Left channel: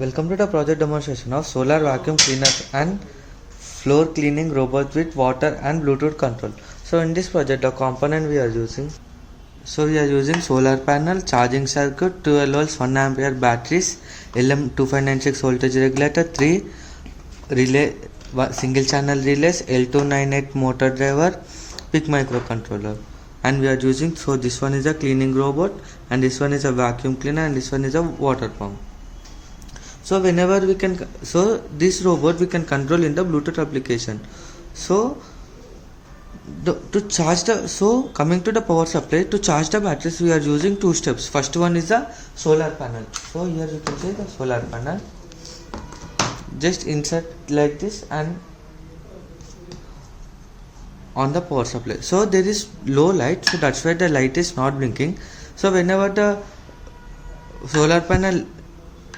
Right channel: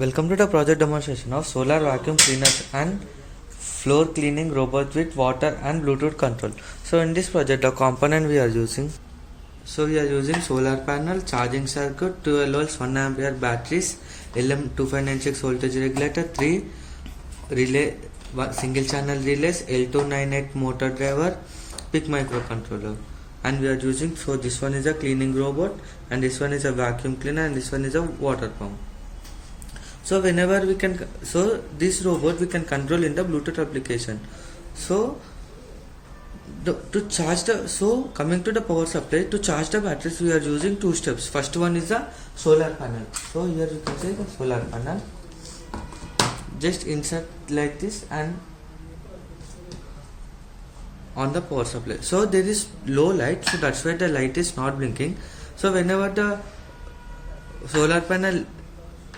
Welcome to the project demonstration of solar vacuum cleaners and floor cleaning robot with water and Bluetooth control. So in this project the component we are using solar panel, charging circuit, 12 volts 1 ampere batteries, LM2596 voltage regulator, 3 relay single channel relays, L298 motor driver, PIC microcontroller, and we are using, so this one is a cleaning robot and this one is a vacuum cleaner and this one is a water pump. So whenever we can, so this robot we can control in the Bluetooth application. So to charge the, so coming to the power supply, to charge the batteries we are using two steps. First one is the solar panel. So here you can see the solar panel, just insert like this and on the power supply. So there is low light, so that's why the light is not blinking. So whenever the solar panel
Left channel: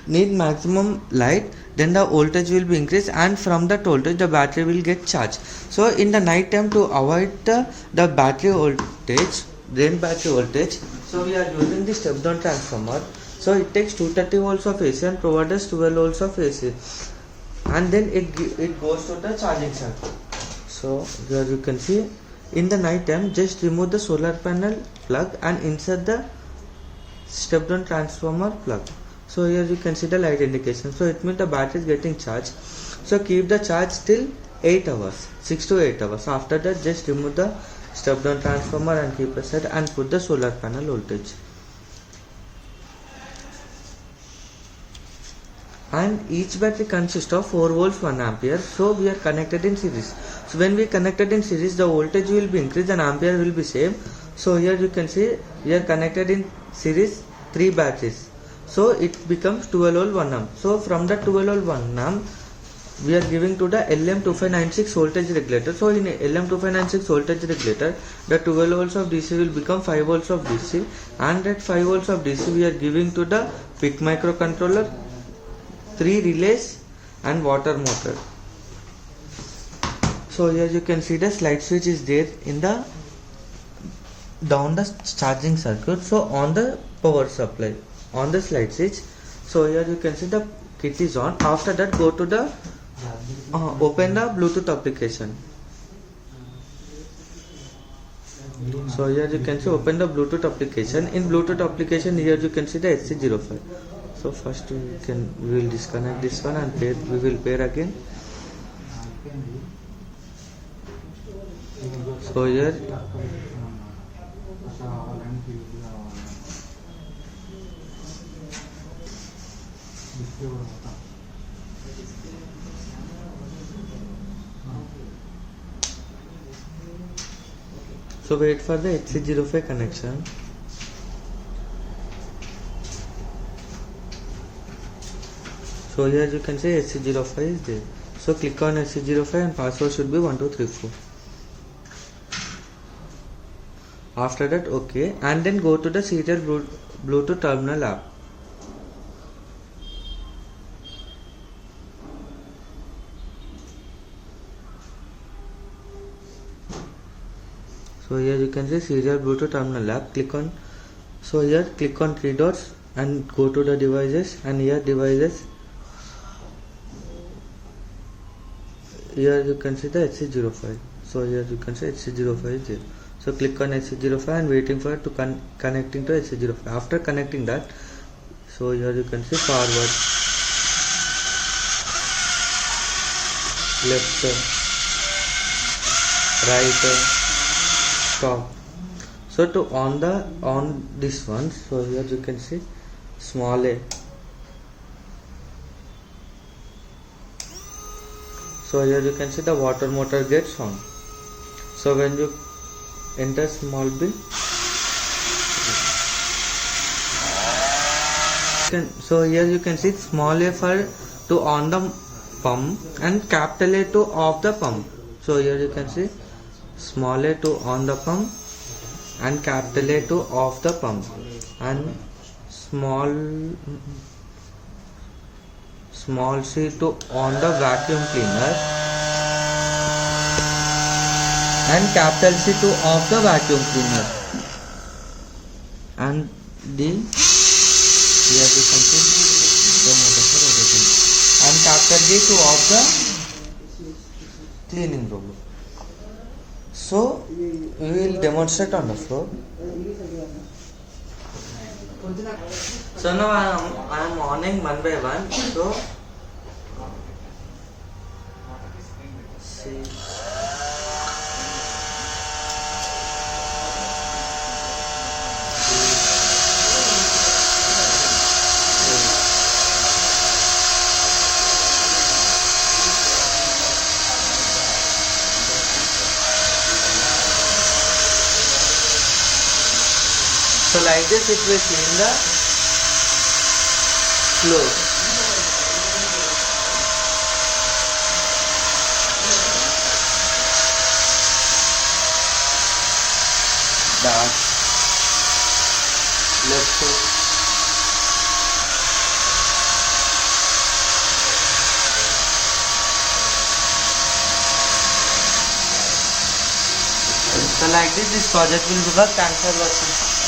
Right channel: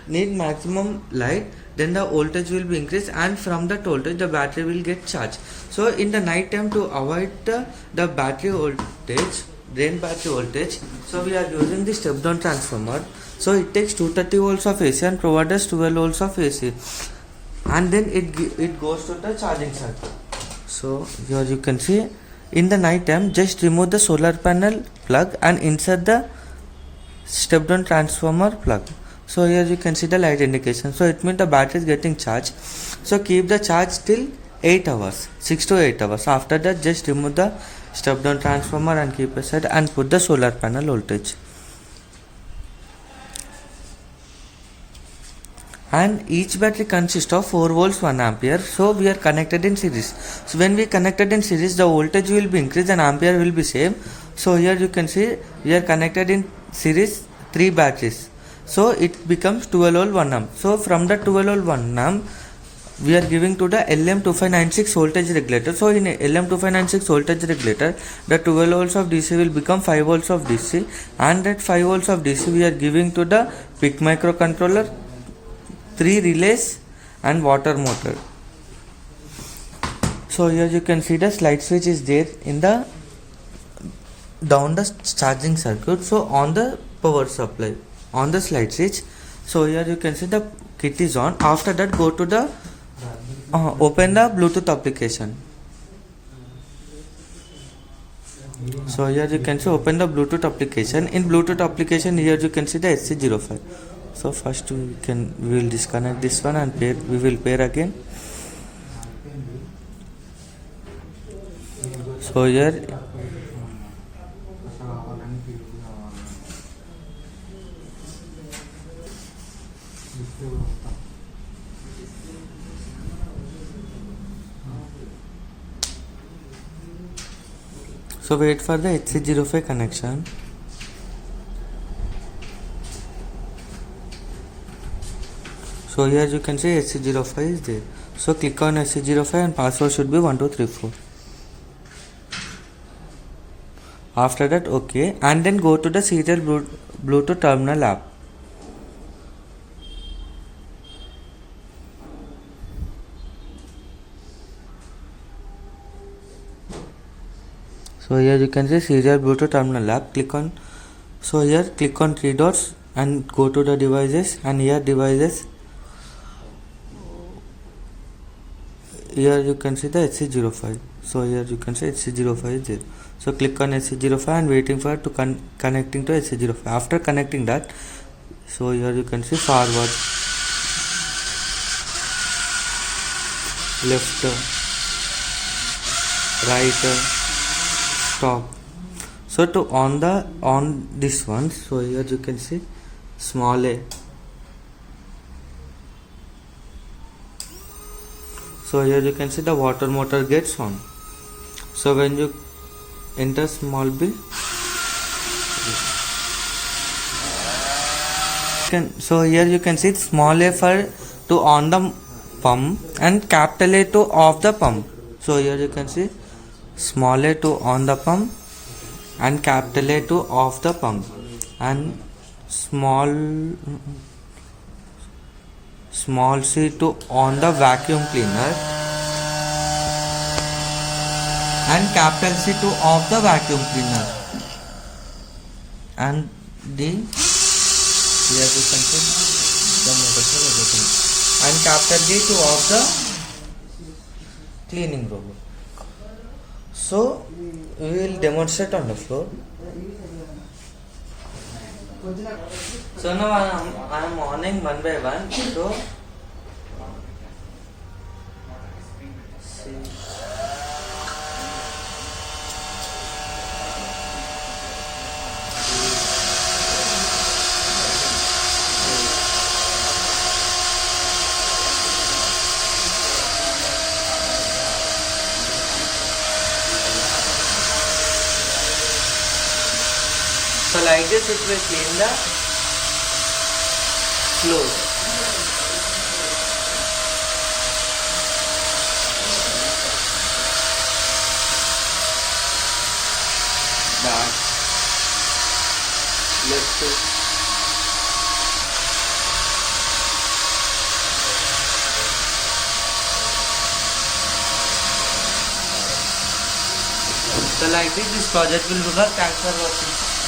need maximum light, then the voltage will be increased, and from that voltage the battery will get charged. So in the night time, to avoid the battery voltage, drain battery voltage, so we are using the step down transformer. So it takes 230 volts of AC and provides us 12 volts of AC, and then it goes to the charging circuit. So here you can see, in the night time just remove the solar panel plug and insert the step down transformer plug. So here you can see the light indication, so it means the battery is getting charged. So keep the charge till 8 hours, 6 to 8 hours. After that just remove the step down transformer and keep aside and put the solar panel voltage. And each battery consists of 4 volts 1 ampere, so we are connected in series. So when we connected in series, the voltage will be increased and ampere will be same. So here you can see we are connected in series 3 batteries, so it becomes 12 volt 1 amp. So from the 12 volt 1 amp we are giving to the LM2596 voltage regulator. So in LM2596 voltage regulator, the 12 volts of DC will become 5 volts of DC, and that 5 volts of DC we are giving to the PIC microcontroller, 3 relays and water motor. So here you can see the slide switch is there in the down the charging circuit. So on the power supply, on the slide switch, so here you can see the kit is on. After that go to the open the Bluetooth application. So here you can see open the Bluetooth application. In Bluetooth application, here you can see the SC05. So first we will disconnect this one and pair, we will pair again. So here so wait for the HC05 connection. So here you can see HC05 is there. So click on HC05 and password should be 1234. After that OK, and then go to the serial Bluetooth terminal app. So here you can see serial Bluetooth terminal app. Click on, so here click on 3 dots and go to the devices, and here devices, here you can see the HC05. So here you can see HC05 is there. So click on HC05 and waiting for to connecting to HC05. After connecting that, so here you can see forward, left, right, stop. So to on this one, so here you can see small a. So here you can see the water motor gets on. So when you enter small b, so here you can see small a for to on the pump and capital A to off the pump. So here you can see small a to on the pump and capital A to off the pump, and small c to on the vacuum cleaner and capital C to off the vacuum cleaner, and the here we can put the motor for rotating. and chapter B to off the cleaning robot. So we will demonstrate on the floor. So now I am on one by one. So see. So like this it will clean the floor. Back, left foot. So like this project will work. Thanks for watching.